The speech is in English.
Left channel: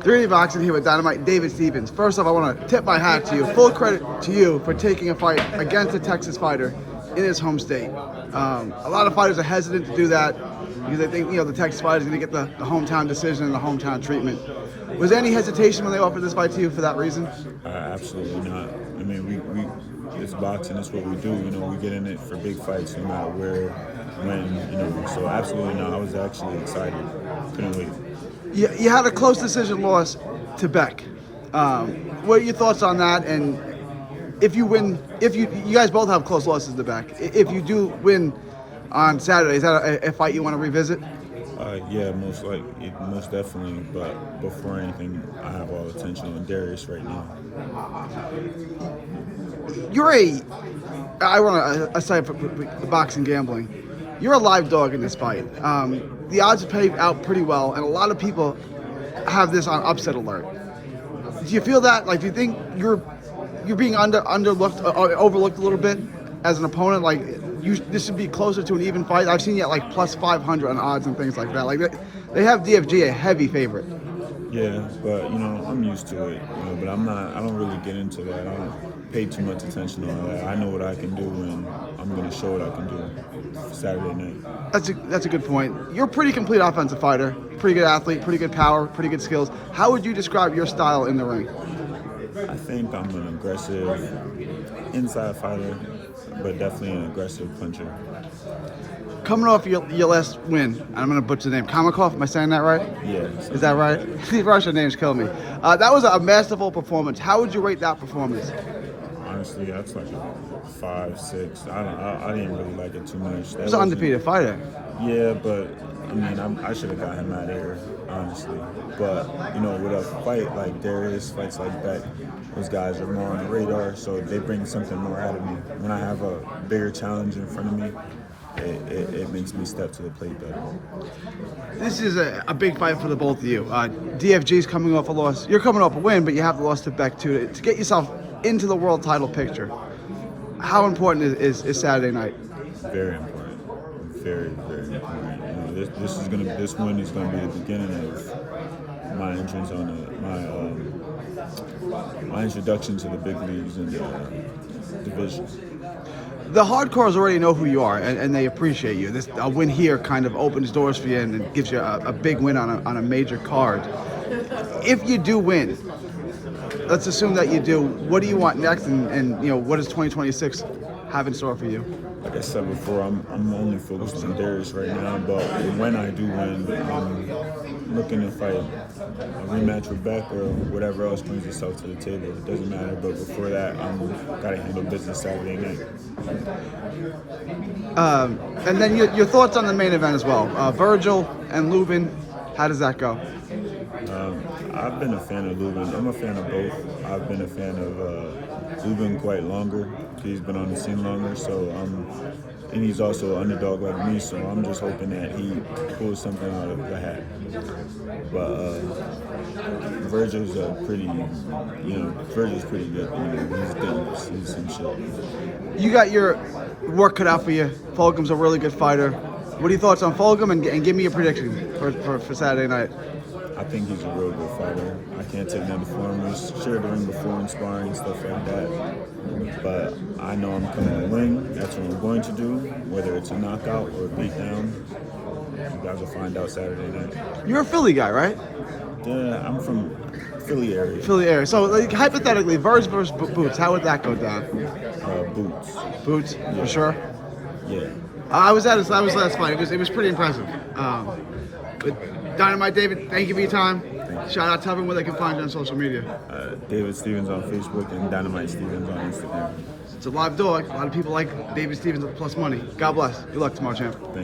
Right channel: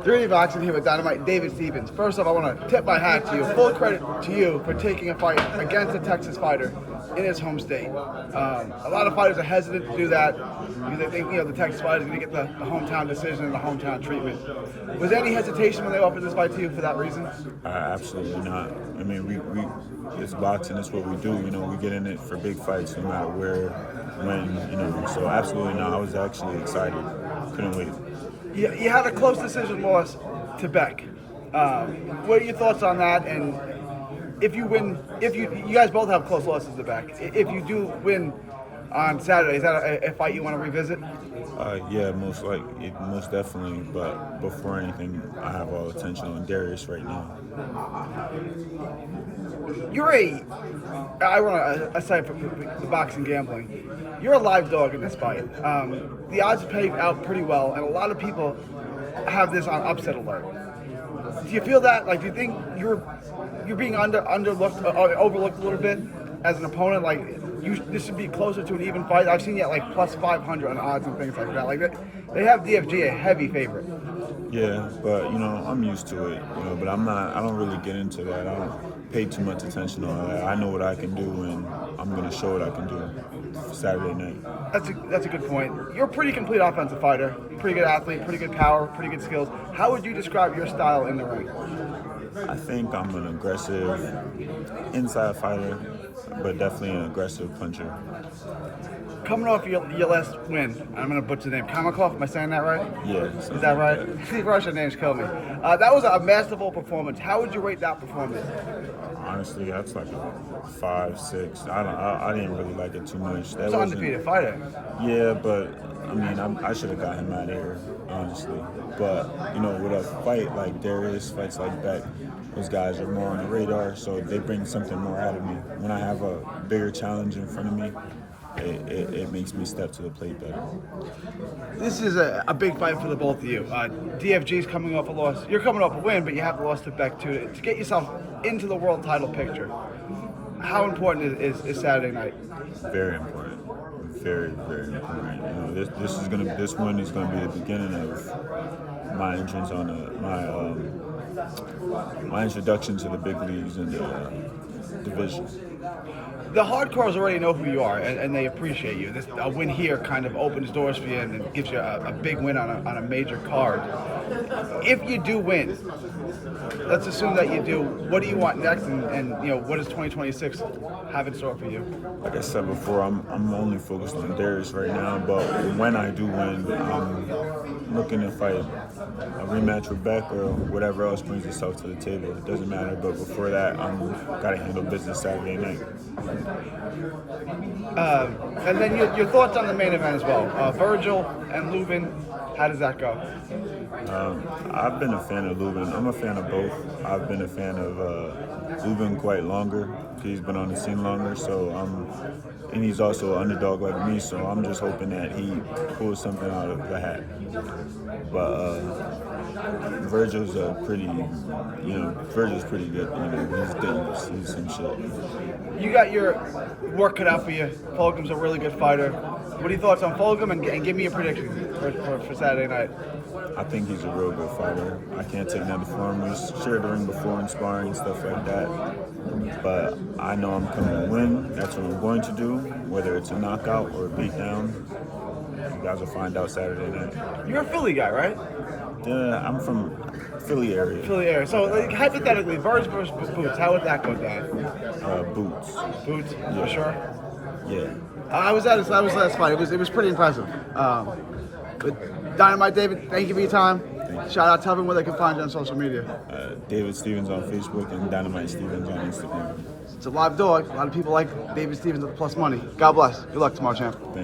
3D Boxing here with Dynamite and David Stevens. First off, I want to tip my hat to you. Full credit to you for taking a fight against a Texas fighter in his home state. A lot of fighters are hesitant to do that because they think, the Texas fighter is going to get the hometown decision and the hometown treatment. Was there any hesitation when they offered this fight to you for that reason? Absolutely not. I mean, we it's boxing. It's what we do. We get in it for big fights, no matter where, when. So absolutely not. I was actually excited. Couldn't wait. You had a close decision loss to Beck. What are your thoughts on that? And if you win, you guys both have close losses to Beck. If you do win on Saturday, is that a fight you want to revisit? Yeah, most definitely. But before anything, I have all attention on Darius right now. I want to aside from the boxing gambling. You're a live dog in this fight. The odds pay out pretty well, and a lot of people have this on upset alert. Do you feel that? Like, do you think you're being overlooked a little bit as an opponent? Like, this should be closer to an even fight. I've seen you at like plus 500 on odds and things like that. Like, they have DFG a heavy favorite. Yeah, but I'm used to it. But I don't really get into that. I don't pay too much attention on that. I know what I can do, and I'm going to show what I can do Saturday night. That's a good point. You're a pretty complete offensive fighter, pretty good athlete, pretty good power, pretty good skills. How would you describe your style in the ring? I think I'm an aggressive inside fighter, but definitely an aggressive puncher. Coming off your last win, I'm going to butcher the name, Kamakov, am I saying that right? Yeah. Is that right? These Russian names kill me. That was a masterful performance. How would you rate that performance? Honestly, that's like a 5, 6. I didn't really like it too much. That was an undefeated fighter. Yeah, but I mean, I should have got him out of here, honestly. But with a fight like Darius, fights like Beck, those guys are more on the radar, so they bring something more out of me. When I have a bigger challenge in front of me, it makes me step to the plate better. This is a big fight for the both of you. DFG's coming off a loss. You're coming off a win, but you have the loss to Beck too. To get yourself into the world title picture, how important is Saturday night? Very important. Very, very important. This win is gonna be the beginning of my entrance on my introduction to the big leagues and the division. The hardcores already know who you are, and they appreciate you. A win here kind of opens doors for you and gives you a big win on a major card. If you do win, let's assume that you do, what do you want next, and what does 2026 have in store for you? Like I said before, I'm only focused on Darius right now, but when I do win, I'm looking to fight a rematch with Beck or whatever else brings itself to the table. It doesn't matter, but before that, I'm got to handle business Saturday night. And then your thoughts on the main event as well. Vergil and Lubin, how does that go? I've been a fan of Lubin. I'm a fan of both. I've been a fan of Lubin quite longer. He's been on the scene longer, and he's also an underdog like me, so I'm just hoping that he pulls something out of the hat. But Vergil's Vergil's pretty good. He's dangerous. He's some shit. You got your work cut out for you. Fulgham's a really good fighter. What are your thoughts on Fulgham, and give me a prediction for Saturday night? I think he's a real good fighter. I can't take nothing from him. We've shared the ring before in sparring, stuff like that. But I know I'm coming to win. That's what I'm going to do, whether it's a knockout or a beatdown. You guys will find out Saturday night. You're a Philly guy, right? Yeah, I'm from Philly area. Philly area. So hypothetically, Verge versus Boots, how would that go down? Boots. Boots, yeah. For sure? Yeah. I was last fight. It was pretty impressive. But Dynamite David, thank you for your time. Shout out, tell them where they can find you on social media. David Stevens on Facebook and Dynamite Stevens on Instagram. It's a live dog. A lot of people like David Stevens with plus money. God bless. Good luck tomorrow, champ. Thank you.